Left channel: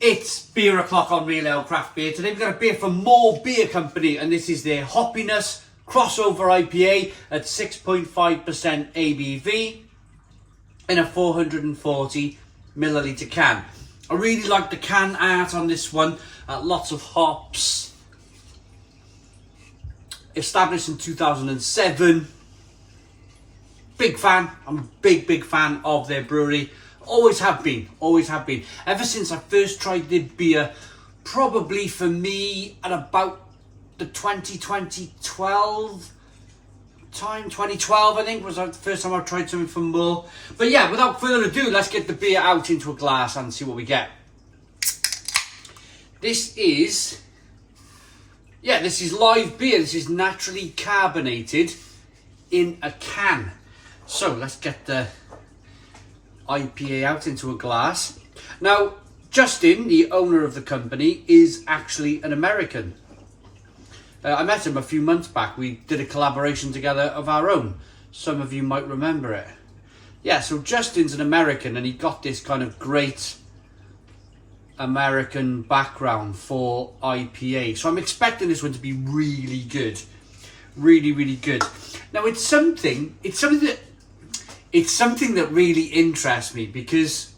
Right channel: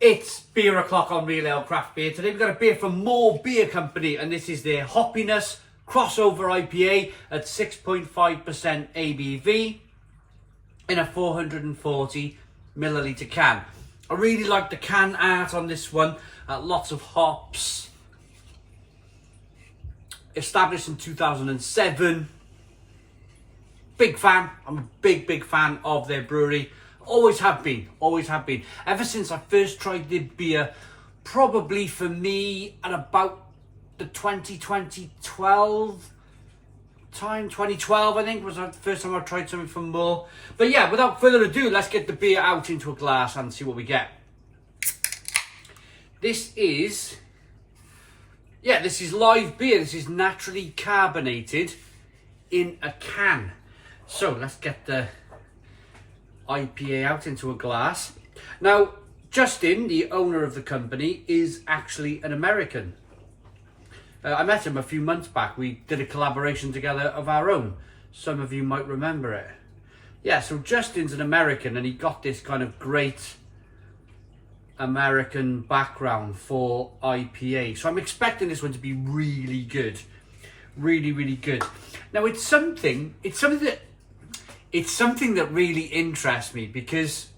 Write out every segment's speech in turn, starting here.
It's beer o'clock on Real Ale Craft Beer. Today we've got a beer from Moor Beer Company, and this is their Hoppiness crossover IPA at 6.5% ABV in a 440 milliliter can. I really like the can art on this one. Lots of hops. Established in 2007. Big fan. I'm a big fan of their brewery. Always have been. Ever since I first tried the beer, probably for me at about the 2012 I think was the first time I tried something from Moor. But yeah, without further ado, let's get the beer out into a glass and see what we get. This is live beer. This is naturally carbonated in a can. So let's get the IPA out into a glass. Now, Justin, the owner of the company, is actually an American. I met him a few months back. We did a collaboration together of our own. Some of you might remember it. Yeah, so Justin's an American, and he got this kind of great American background for IPA. So I'm expecting this one to be really good. Really good. Now, it's something that really interests me, because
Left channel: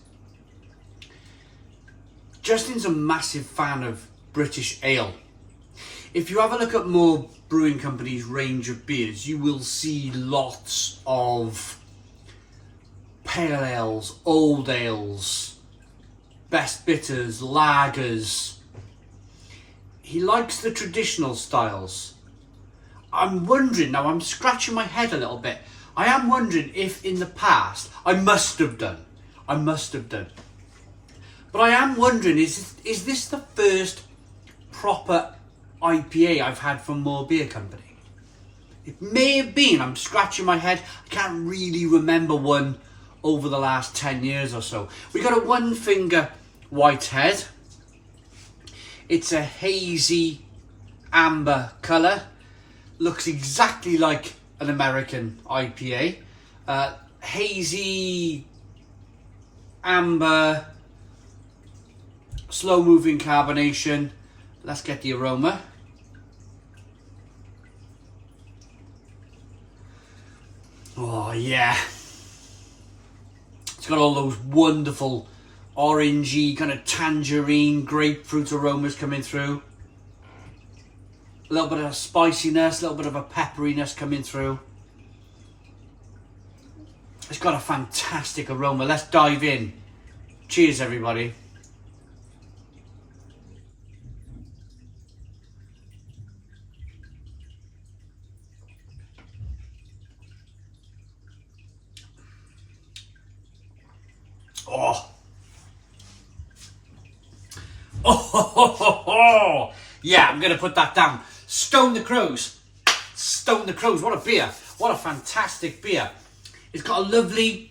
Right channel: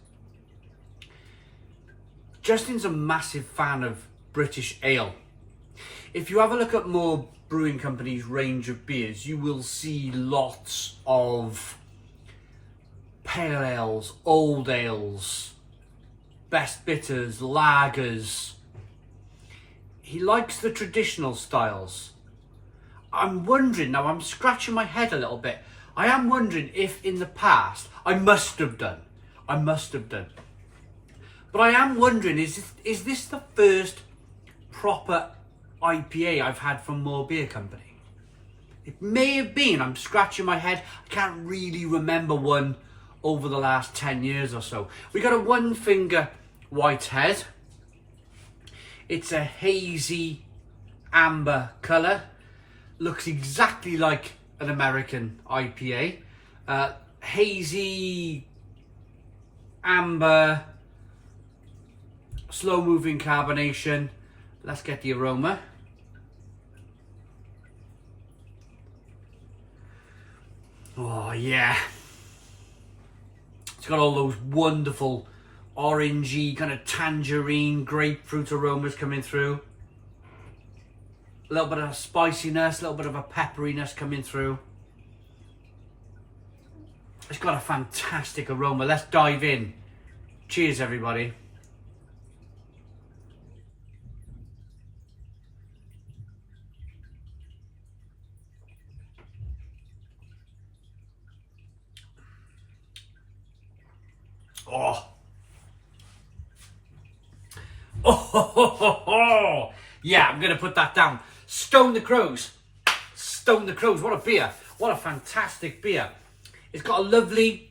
Justin's a massive fan of British ale. If you have a look at Moor Brewing Company's range of beers, you will see lots of pale ales, old ales, best bitters, lagers. He likes the traditional styles. I'm wondering, now I'm scratching my head a little bit, I am wondering if in the past, I must have done. But I am wondering, is this the first proper IPA I've had from Moor Beer Company? It may have been. I'm scratching my head. I can't really remember one over the last 10 years or so. We got a one finger white head. It's a hazy amber colour. Looks exactly like an American IPA. Hazy amber, slow moving carbonation. Let's get the aroma. Oh yeah, it's got all those wonderful orangey, kind of tangerine, grapefruit aromas coming through. A little bit of spiciness, a little bit of a pepperiness coming through. It's got a fantastic aroma. Let's dive in. Cheers, everybody. Oh. Yeah, I'm going to put that down. Stone the Crows. What a beer. What a fantastic beer. It's got a lovely,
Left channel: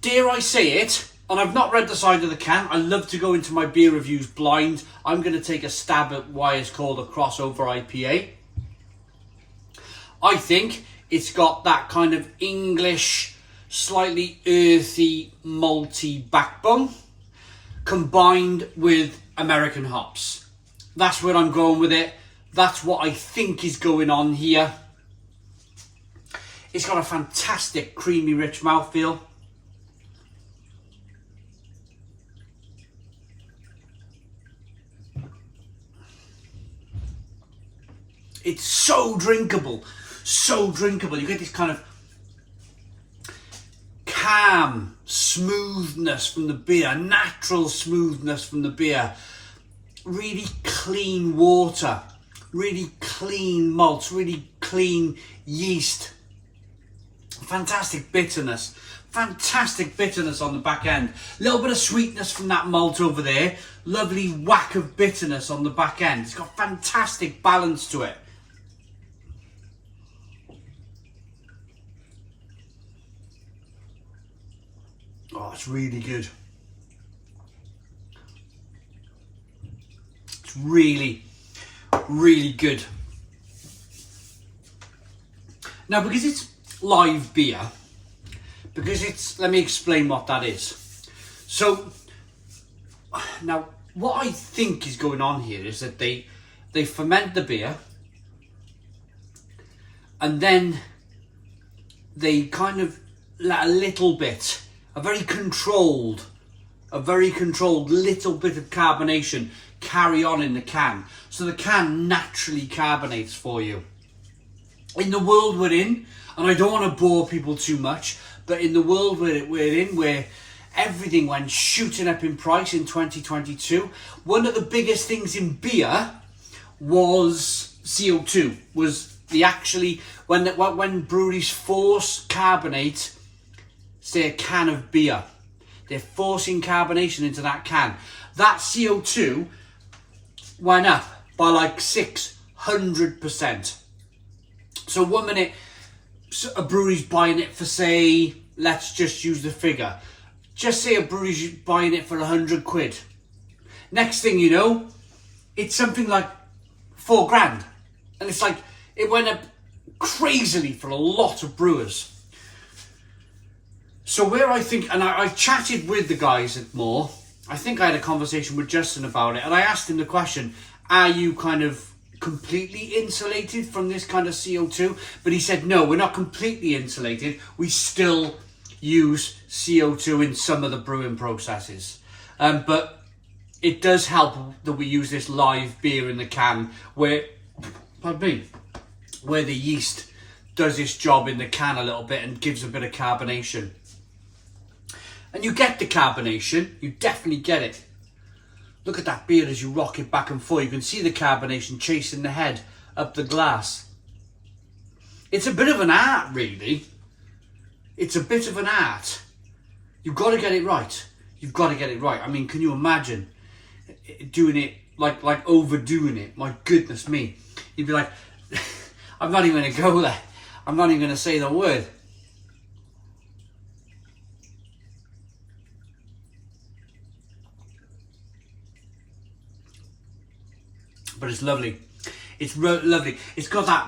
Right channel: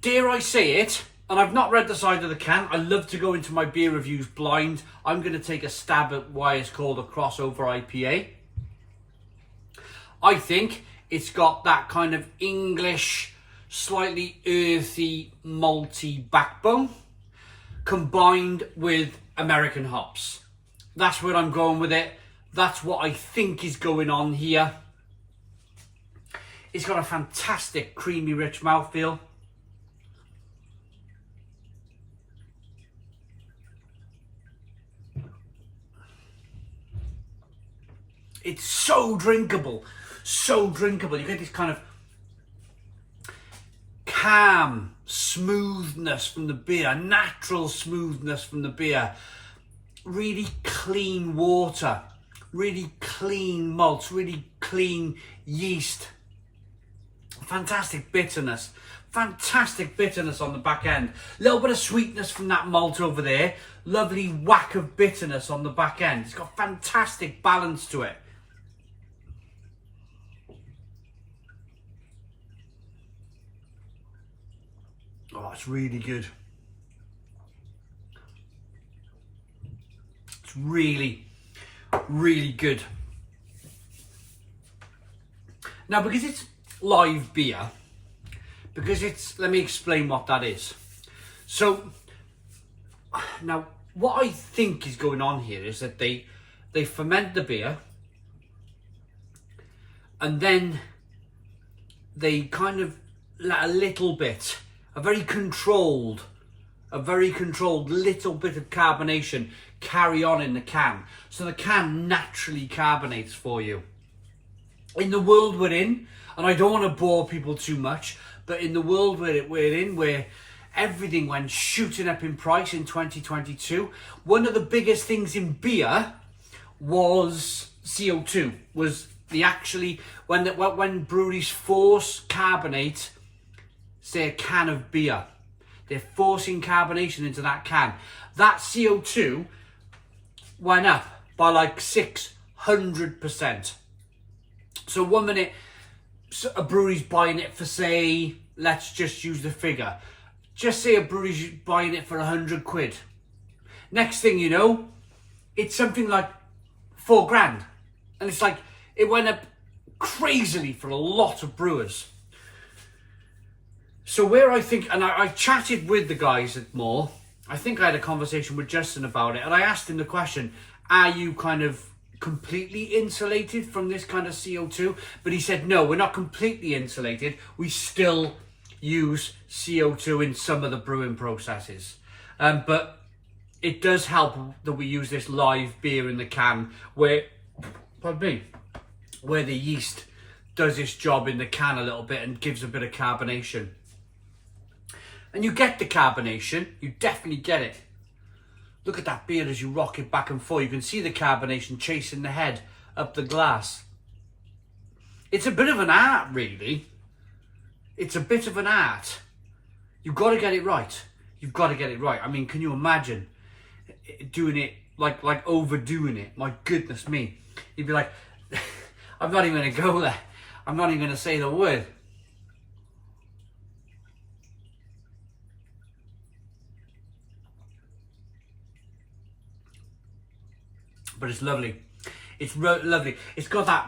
dare I say it, and I've not read the side of the can. I love to go into my beer reviews blind. I'm going to take a stab at why it's called a crossover IPA. I think it's got that kind of English, slightly earthy, malty backbone, combined with American hops. That's where I'm going with it. That's what I think is going on here. It's got a fantastic creamy, rich mouthfeel. It's so drinkable. You get this kind of calm smoothness from the beer, natural smoothness from the beer, really clean water, really clean malts, really clean yeast, fantastic bitterness on the back end, a little bit of sweetness from that malt over there, lovely whack of bitterness on the back end. It's got fantastic balance to it. Oh, it's really good. It's really good. Now, because it's live beer, because it's, let me explain what that is. So Now, what I think is going on here is that they ferment the beer, and then they kind of let a little bit, a very controlled little bit of carbonation carry on in the can. So the can naturally carbonates for you. In the world we're in, and I don't want to bore people too much, but in the world we're in, where everything went shooting up in price in 2022, one of the biggest things in beer was CO2. Was when breweries force carbonate, say, a can of beer, they're forcing carbonation into that can. That CO2 went up by like 600%. So 1 minute a brewery's buying it for, say, let's just use the figure, just say a brewery's buying it for 100 quid. Next thing you know, it's something like 4 grand. And it's like, it went up crazily for a lot of brewers. So where I think, and I chatted with the guys at Moor, I think I had a conversation with Justin about it, and I asked him the question, are you kind of completely insulated from this kind of CO2? But he said, no, we're not completely insulated. We still use CO2 in some of the brewing processes. But it does help that we use this live beer in the can where the yeast does its job in the can a little bit and gives a bit of carbonation. And you get the carbonation, you definitely get it. Look at that beer as you rock it back and forth. You can see the carbonation chasing the head up the glass. It's a bit of an art, really. It's a bit of an art. You've got to get it right. You've got to get it right. I mean, can you imagine doing it, like overdoing it? My goodness me. You'd be like, I'm not even going to go there. I'm not even going to say the word. But it's lovely. It's lovely. It's got that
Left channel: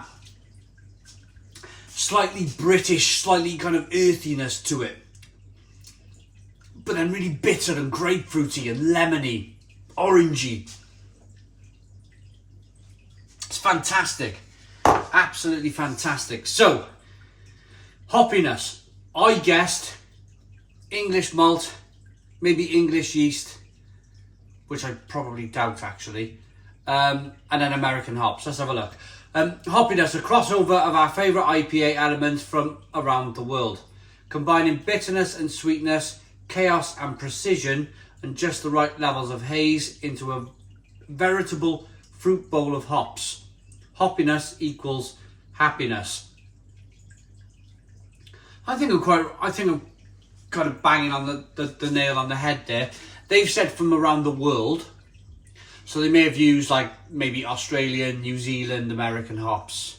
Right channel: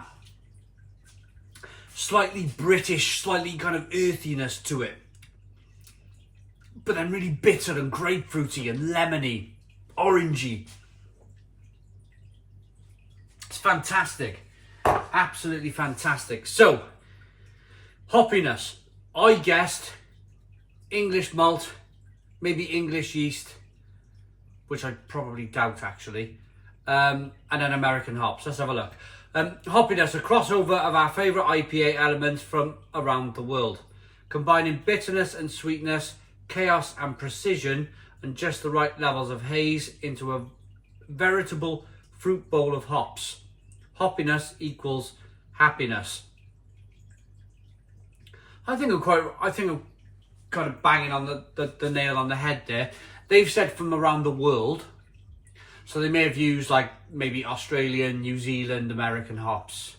slightly British, slightly kind of earthiness to it. But then really bitter and grapefruity and lemony, orangey. It's fantastic. Absolutely fantastic. So, hoppiness. I guessed English malt, maybe English yeast, which I probably doubt actually. And then American hops. Let's have a look. Hoppiness, a crossover of our favourite IPA elements from around the world, combining bitterness and sweetness, chaos and precision, and just the right levels of haze into a veritable fruit bowl of hops. Hoppiness equals happiness. I think I'm kind of banging on the nail on the head there. They've said from around the world. So they may have used like maybe Australian, New Zealand, American hops.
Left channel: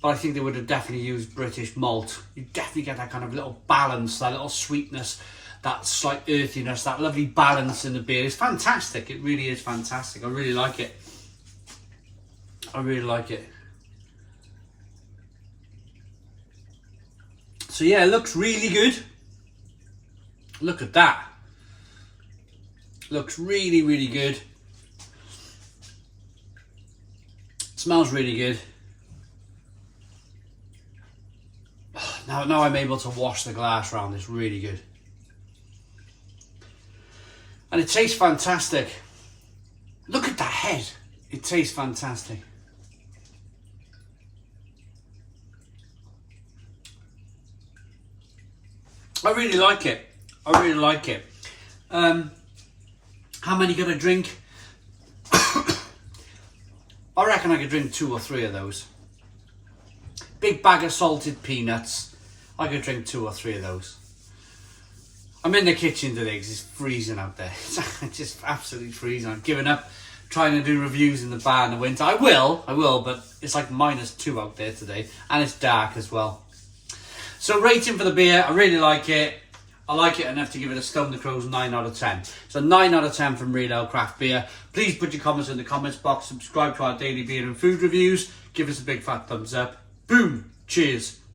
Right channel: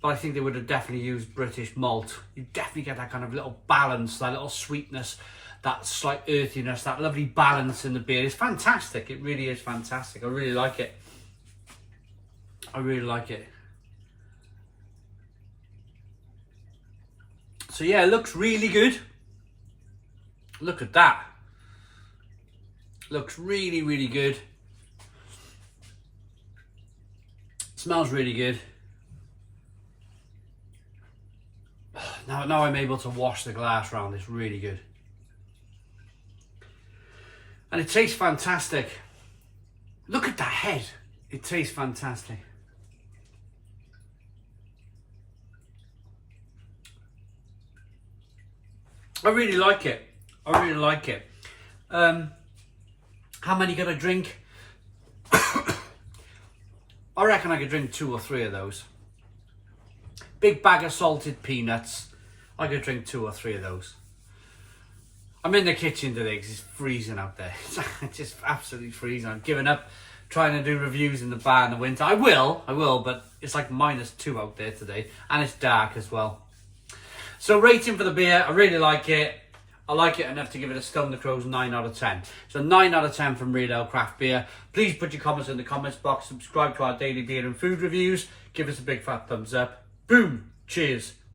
But I think they would have definitely used British malt. You definitely get that kind of little balance, that little sweetness, that slight earthiness, that lovely balance in the beer. It's fantastic. It really is fantastic. I really like it. I really like it. So yeah, it looks really good. Look at that. Looks really, really good. Smells really good. Now I'm able to wash the glass around. It's really good. And it tastes fantastic. Look at that head. It tastes fantastic. I really like it. I really like it. How many could I drink? I reckon I could drink 2 or 3 of those. Big bag of salted peanuts. I could drink 2 or 3 of those. I'm in the kitchen today because it's freezing out there. It's just absolutely freezing. I've given up trying to do reviews in the bar in the winter. I will, but it's like -2 out there today. And it's dark as well. So rating for the beer, I really like it. I like it enough to give it a Stone the Crows 9 out of 10. So 9 out of 10 from Real Ale Craft Beer. Please put your comments in the comments box. Subscribe to our daily beer and food reviews. Give us a big fat thumbs up. Boom. Cheers.